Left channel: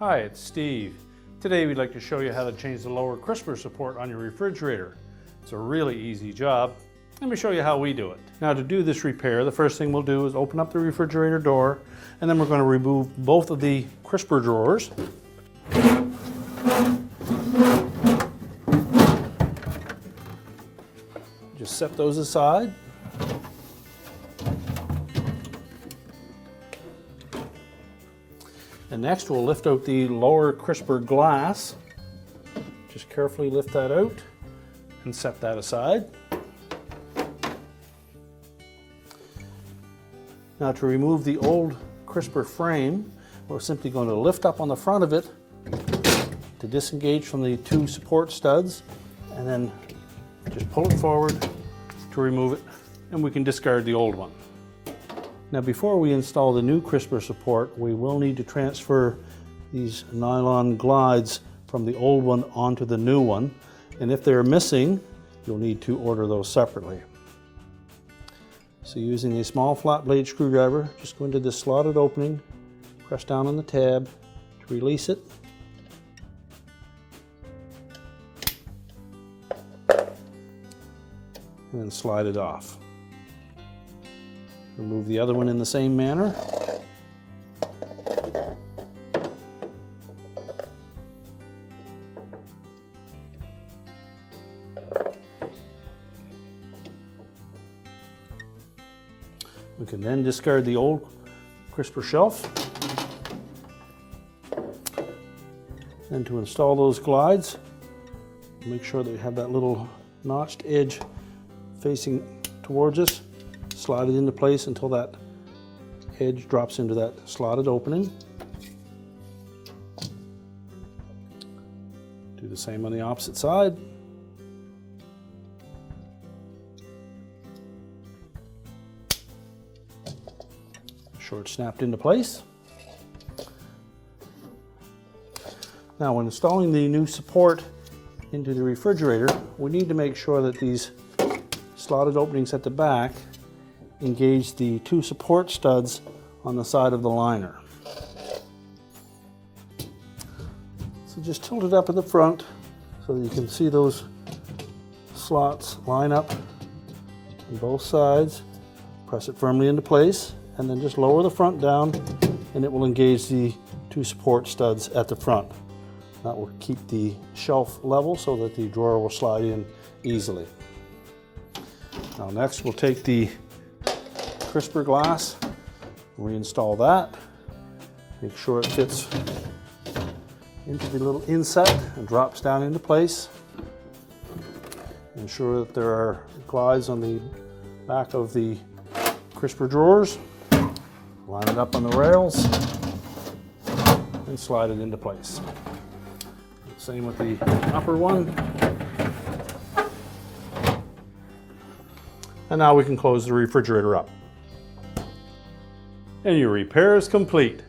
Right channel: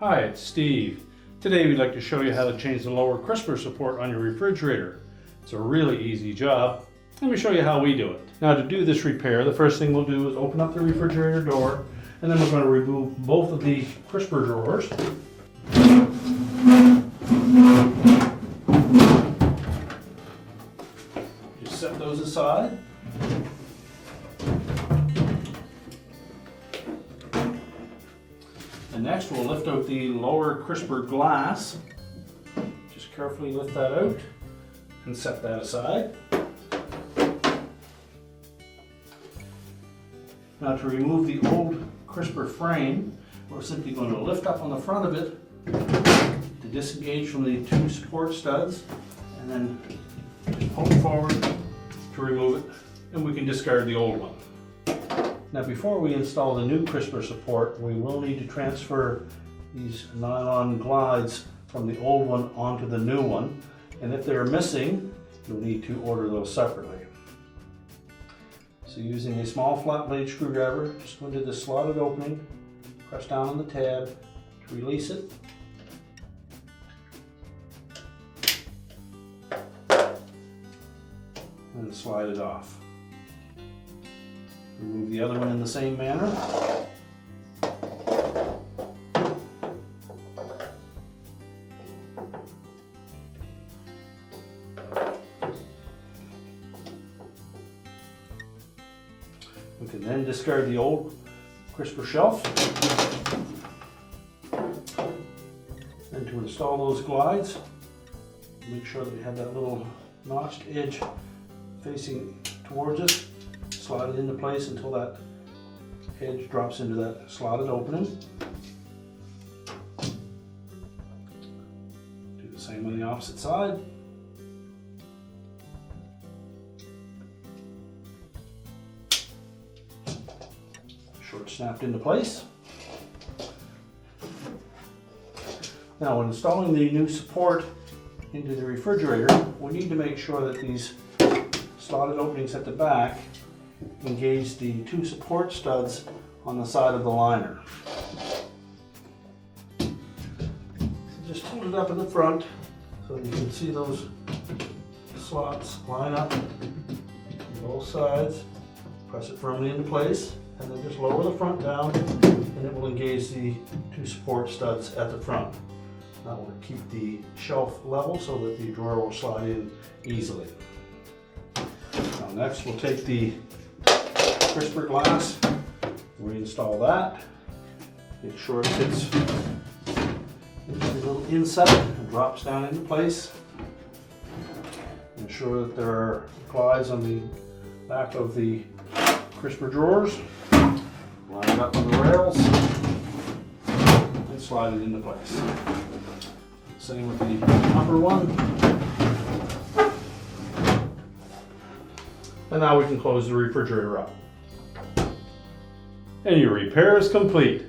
Hi, it's Steve. Today we'd like to show you how to change the lower crisper support on your refrigerator. It's a really easy job. Let me show you how we do it. Now, to do this repair, the first thing we'll do is open up the refrigerator door, and then we're going to remove both of the crisper drawers. Just set those aside. And next we'll lift out the lower crisper glass. Just carefully lift that out and set that aside. Now, to remove the old crisper frame, we're simply going to lift up on the front of it to disengage from the two support studs, and then just pull it forward to remove it, and we can discard the old one. Now, before we install the new crisper support, we will need to transfer these nylon glides from the old one onto the new one, and if they're missing, you'll need to order those separately. So, using a small flat blade screwdriver, just go into this slotted opening, press down on the tab to release it, and then slide it off. Remove the other one in the same manner. We can then discard the old crisper shelf. And to install those glides, make sure that we have that little notched edge facing towards us. Slide it into place until that edge drops into that slotted opening. Do the same on the opposite side. Short snapped into place. Now, when installing the new support into the refrigerator, we need to make sure that these slotted openings at the back engage the two support studs on the side of the liner. So just tilt it up at the front so you can see those slots line up on both sides. Press it firmly into place, and then just lower the front down, and it will engage the two support studs at the front. That will keep the shelf level so that the drawer will slide in easily. Now, next we'll take the crisper glass, reinstall that, make sure it fits into the little inset and drops down into place. Ensure that there are glides on the back of the crisper drawers. Line it up on the rails and slide it into place. Same with the upper one. And now we can close the refrigerator up. And your repair is complete.